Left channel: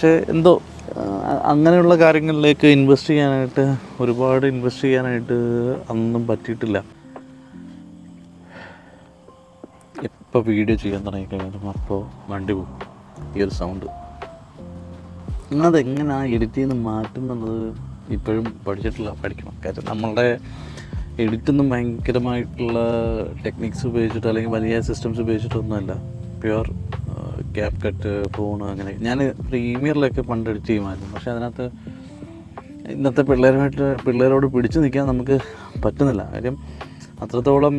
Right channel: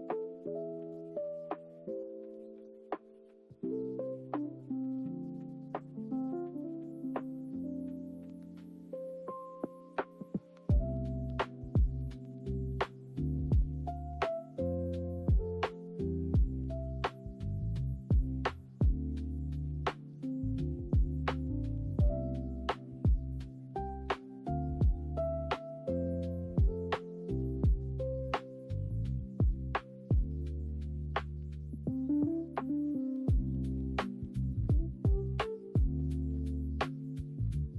പക്ഷേ എന്തോ അങ്ങനെയുള്ള കാര്യങ്ങളിലേക്ക് ഒരുപാട് ഇൻവെസ്റ്റ് ചെയ്യാനായിട്ട് അന്നും പറ്റിയിട്ടില്ല. എപ്പോൾ വീഡിയോ ചെയ്യാൻ തുടങ്ങിക്കഴിഞ്ഞാലും അപ്പോൾ വണ്ടി പോകും. ഈ ഒരു സൗണ്ട് അതെങ്ങനെയാണ് എഡിറ്റ് ചെയ്ത് മാറ്റുന്നുള്ളത് ഇപ്പോഴും പഠിക്കണം. കാര്യം നമ്മളുടെ എഡിറ്റൊന്നും ഭയങ്കരമായിട്ടുള്ള ടെക്നിക്സ് ഉപയോഗിച്ചിട്ട് അല്ലെങ്കിൽ വലിയ സിസ്റ്റംസ് ഉപയോഗിച്ചിട്ടൊന്നുമല്ല. പ്യുവർ ക്യാപ് കട്ട്, ഫോൺ, അങ്ങനെ. ഞാൻ പ്രീമിയറിലൊക്കെ പണ്ട് എഡിറ്റ് ചെയ്യുമായിരുന്നു. പക്ഷേ അതിനകത്ത് ഇന്നത്തെ പിള്ളേരോട് പിടിച്ചു നിൽക്കാൻ നമുക്ക് പറ്റുന്നില്ല. കാര്യം അത്രത്തോളം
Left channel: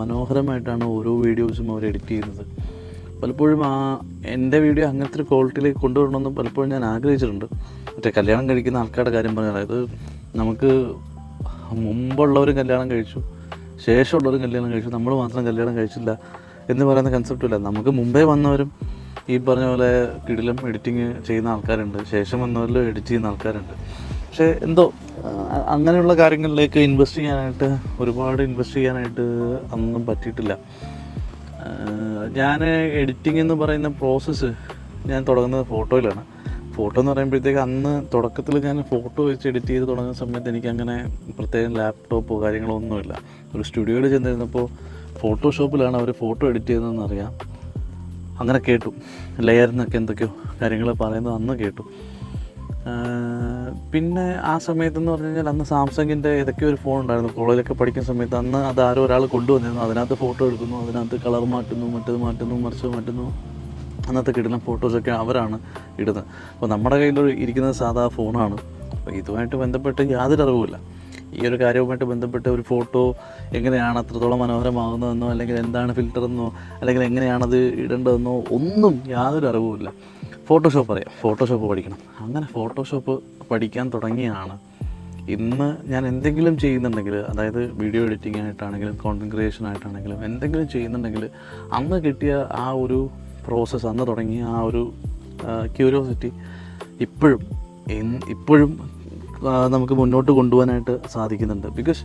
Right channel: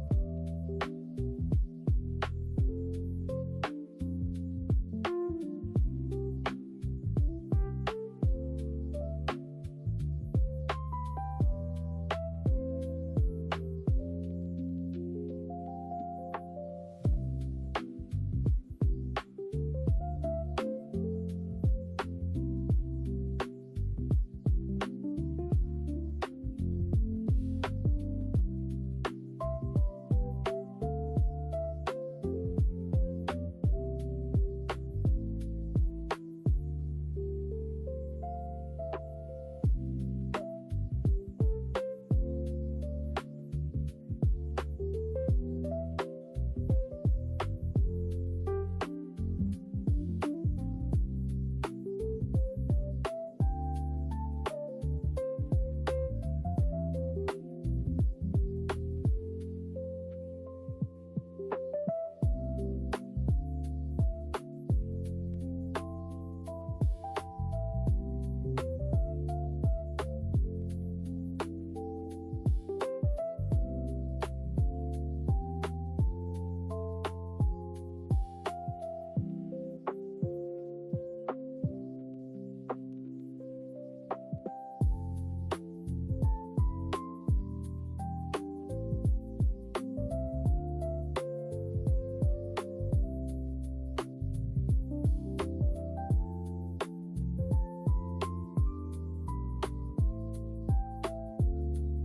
മനോഹരമായിട്ടാണ് ഓരോ വീഡിയോസും അവർ എഡിറ്റ് ചെയ്യുന്നത്. പലപ്പോഴും എൻ്റെ വീഡിയോ അങ്ങനത്തെ ഒരു ക്വാളിറ്റിയിലേക്ക് കൊണ്ടുവരണമെന്നും പലപ്പോഴും ഞാൻ ആഗ്രഹിച്ചിട്ടുണ്ട്. മറ്റേ കല്യാണം കഴിക്കുന്ന ആൾക്കാരുടെ കാര്യം പറഞ്ഞാൽ, അതായത് നമുക്ക് മുമ്പുള്ളവരും കല്യാണം കഴിച്ചു, ശേഷമുള്ളവരും കല്യാണം കഴിച്ചു, നമ്മൾ മാത്രം കല്യാണം കഴിച്ചില്ല എന്ന് പറയുന്ന കൺസെപ്റ്റില്ല. നമുക്ക് മുമ്പേ വന്നവരും ഈ പറഞ്ഞ പോലെ കിടിലം എഡിറ്റിങ് ചെയ്യുന്ന ആൾക്കാരുണ്ട്, ശേഷം വന്നവരിലും എഡിറ്റ് ചെയ്യുന്ന ആൾക്കാരുണ്ട്. പക്ഷേ എന്തോ അങ്ങനെയുള്ള കാര്യങ്ങളിലേക്ക് ഒരുപാട് ഇൻവെസ്റ്റ് ചെയ്യാനായിട്ട് അന്നും പറ്റിയിട്ടില്ല. ഞാൻ എഡിറ്റിംഗ് എന്ന് പറയുന്ന പ്രോസസ്സ് ഞാൻ തുടങ്ങുന്നത് ഫോട്ടോയിലാണ്. ഫോട്ടോ എന്ന് പറയുമ്പോഴത്തേക്ക് അന്ന് തുടക്കത്തിൽ ഞാൻ ഫോട്ടോ വെച്ച് എഡിറ്റ് ചെയ്ത് തുടങ്ങുന്ന സമയത്ത് എനിക്കങ്ങനെ പ്രത്യേകം ലാപ്ടോപ്പോ കാര്യങ്ങളോ ഒന്നുമില്ല. ഒരു സ്റ്റുഡിയോയിൽ ചെന്നിരുന്നപ്പോൾ ഫോട്ടോഷോപ്പിലാണ് അവർ ഫോട്ടോ എഡിറ്റ് ചെയ്യുന്നതെന്ന് അറിയാം. അങ്ങനെ കേട്ടു, ലെയറിനൊക്കെ എന്തൊക്കെയോ കാര്യങ്ങൾ പറയുന്നത് അന്ന് കേട്ടു. പിന്നെ ആ സമയത്തെന്ന് പറഞ്ഞു കഴിഞ്ഞാൽ അന്ന് സാംസങ്ങിൻ്റെ ഏതൊക്കെയോ ഒരു ഫോൺ ഉണ്ടായിരുന്നു. കോളേജിലൊക്കെ പഠിക്കുന്ന സമയത്ത് അന്ന് അത് ആരോ ഒരാൾ കൊണ്ടുവന്നിരുന്നു. അതിനകത്ത് ഫോട്ടോ എടുക്കുന്നു, അതിനകത്ത് കളർ മാറ്റുന്നു, മറ്റത് മാറ്റുന്നു. അന്നത്തെ കിട്ടുന്ന ഫോട്ടോസൊക്കെ അവരാണ് ഇടുന്നത്. അപ്പോൾ നമ്മുടെ കയ്യിൽ ഇരിക്കുന്നത് സാധാ ഫോണാണ്. അപ്പോൾ ഇതുമായിട്ട് ബന്ധപ്പെട്ട് യാതൊരു അറിവുമില്ല. ഈ ഒരു കാര്യവുമായിട്ട് ബന്ധപ്പെട്ട് ഒരു ഫോട്ടോ എങ്ങനെയാണ് അത്രത്തോളം മനോഹരമാകുന്നതെന്നോ, അല്ലെങ്കിൽ എന്താണ് ഫിൽറ്ററെന്നോ, അല്ലെങ്കിൽ എങ്ങനെയാണത് ഇടേണ്ടതെന്നോ ഒന്നും യാതൊരു അറിവുമില്ല. ഫോട്ടോഷോപ്പ് പഠിക്കണം. അങ്ങനെ ഫോട്ടോഷോപ്പ് പഠിക്കാൻ തുടങ്ങിയാണ് ഇന്ന് ഞാൻ എന്തെങ്കിലും ചെയ്യുന്നുണ്ടെങ്കിൽ, അതായത് വീഡിയോ എഡിറ്റിംഗ് ആയിട്ടാണെങ്കിലും കോണ്ടൻറ് ക്രിയേഷൻ ആയിട്ടാണെങ്കിലും എന്തെങ്കിലും ചെയ്യുന്നുണ്ടെങ്കിൽ അന്ന് കിട്ടിയ ആ ഒരു പ്രോസസ്സ്, അന്ന് തുടങ്ങിയ ആ ഒരു ക്യൂരിയോസിറ്റി ഇപ്പോഴും നമുക്ക് മുന്നോട്ട് കൊണ്ടുപോകാനായിട്ട് സാധിക്കുന്നുണ്ട്. ബിക്കോസ്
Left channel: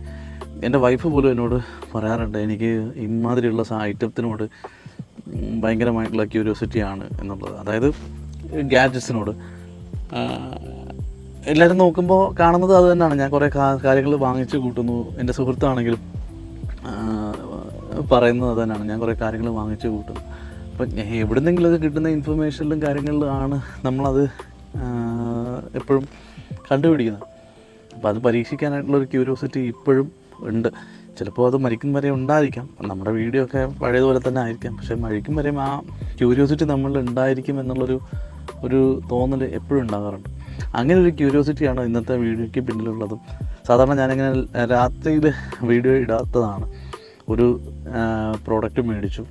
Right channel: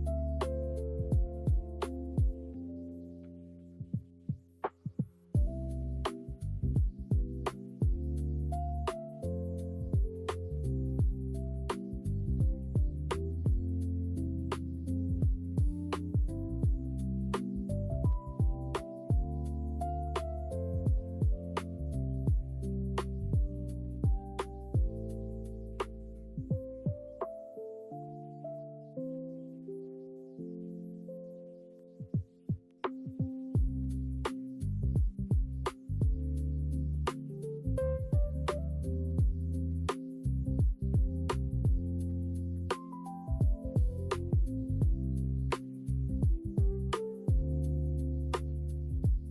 എൻ്റെ വൈഫ് പോലും എന്നോട് പറയാറുണ്ട്, എനിക്ക് ഇമാതിരിയുള്ള ഐറ്റത്തിനോട് ഭയങ്കരമായിട്ടുള്ള ക്യൂരിയോസിറ്റിയാണ് എന്നുള്ളത്. അതായത് ഗാഡ്ജറ്റ്സിനോട് എല്ലാവരും നോക്കുമ്പോൾ കാണുന്നത് അത് തന്നെയാണ്. ഞാൻ കുറേ കാര്യങ്ങൾ വാങ്ങിച്ച് കൂട്ടുന്നു. എൻ്റെ സുഹൃത്താണെങ്കിലും പറയുന്നത് അത് തന്നെയാണ്, ഞാൻ കുറേ കാര്യങ്ങൾ വാങ്ങിച്ച് കൂട്ടുന്നു. അപ്പം എവിടുന്നെങ്കിലൊക്കെ കിട്ടുന്ന ഇൻഫർമേഷനിലും കാര്യങ്ങളിലും ആണ് നമ്മളത് എപ്പോഴും കണ്ടുപിടിക്കുന്നത്. അപ്പോൾ അത് പരീക്ഷിക്കാനായിട്ടുള്ളൊരു ക്യൂരിയോസിറ്റി ഇപ്പോഴും ഉണ്ട്. ചിലപ്പോൾ അത് മരിക്കും വരെ ഉണ്ടായിരിക്കാം. നമ്മുടെ വീഡിയോ ഒക്കെ പഴയതുപോലെ തന്നെ ആയിരിക്കാം. പക്ഷേ മരിക്കും വരെയും ആ ക്യൂരിയോസിറ്റി നമ്മളിൽ ഉണ്ടായിരിക്കും എന്നുള്ളൊരു തോന്നൽ എപ്പോഴും ഉണ്ടാകാറുണ്ട്. അങ്ങനെ ഒരു ക്യൂരിയോസിറ്റിയാണ് ഇന്നത്തെ വീഡിയോയ്ക്ക് പിന്നിലുള്ളതും. സാധാരണ ഞാനിങ്ങനെ രാത്രിയിൽ വീഡിയോ ഇടാത്തതാണ്. ഒരു പ്രോഡക്റ്റ് മേടിച്ചു,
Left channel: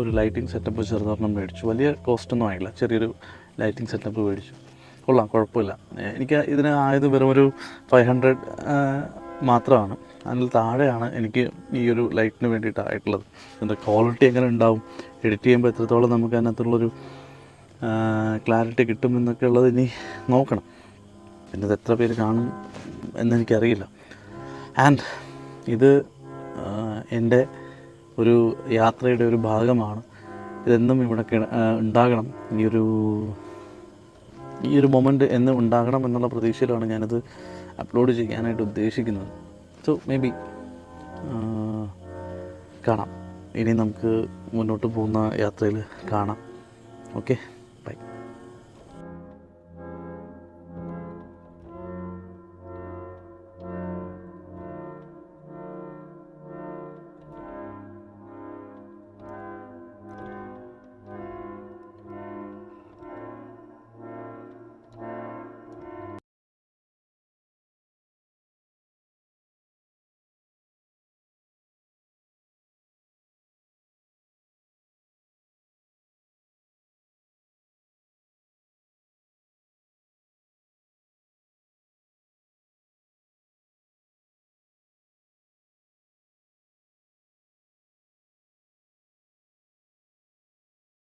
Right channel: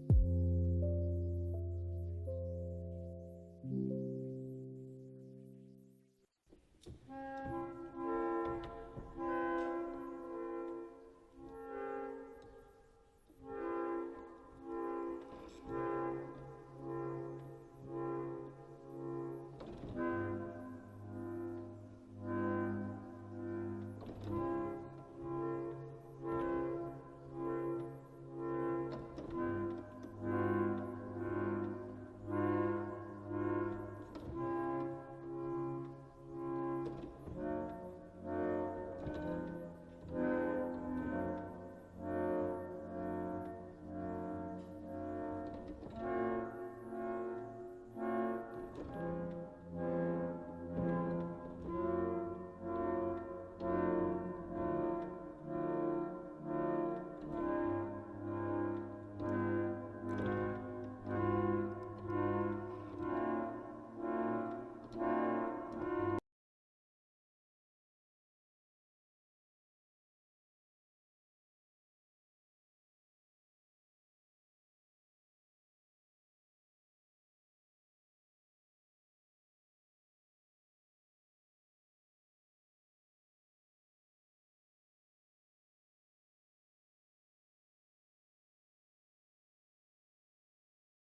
ഒരു ലൈറ്റിംഗ് സെറ്റപ്പ് ചെറുതൊരെണ്ണം മേടിച്ചു. വലിയ കോസ്റ്റൊന്നും ആയില്ല, ചെറിയൊരു ലൈറ്റിംഗ് സെറ്റപ്പ് മേടിച്ചു. കൊള്ളാം, കുഴപ്പമില്ല. എനിക്ക് ഇതിന് ആയത് വെറും ഒരു 500 മാത്രമാണ്. അതിൽ താഴെയാണ് എനിക്ക് ഈ ഒരു ലൈറ്റിന് വേണ്ടിയിട്ടായിട്ടുള്ളത്. ഇതിൻ്റെ ക്വാളിറ്റി എങ്ങനെ ഉണ്ടാവും, എഡിറ്റ് ചെയ്യുമ്പോൾ എത്രത്തോളം നമുക്ക് അതിനകത്തുള്ളൊരു ക്ലാരിറ്റി കിട്ടുമെന്നൊക്കെ ഉള്ളത് ഇനി നോക്കണം. പിന്നെ ഇത് എത്ര പേര് കാണും എന്നെനിക്കറിയില്ല. ആൻഡ് ഇത് എൻ്റെ ഒരു യാത്രയുടെ ഒരു ഭാഗമാണ്. ഇതെന്നും ഇവിടെ ഉണ്ടാകണം. ഈ ഒരു മൊമെൻ്റ് എന്നും ഉണ്ടാകണം എന്നുള്ള പ്രതീക്ഷയിലാണ് ഞാനിത് അപ്ലോഡ് ചെയ്യാനായിട്ട് ഉദ്ദേശിക്കുന്നത്. സോ മേ ബി കാണാം. ഇനി നമുക്ക് മുന്നോട്ട് പോകുന്ന യാത്രയിൽ കാണാം. ഓക്കെ.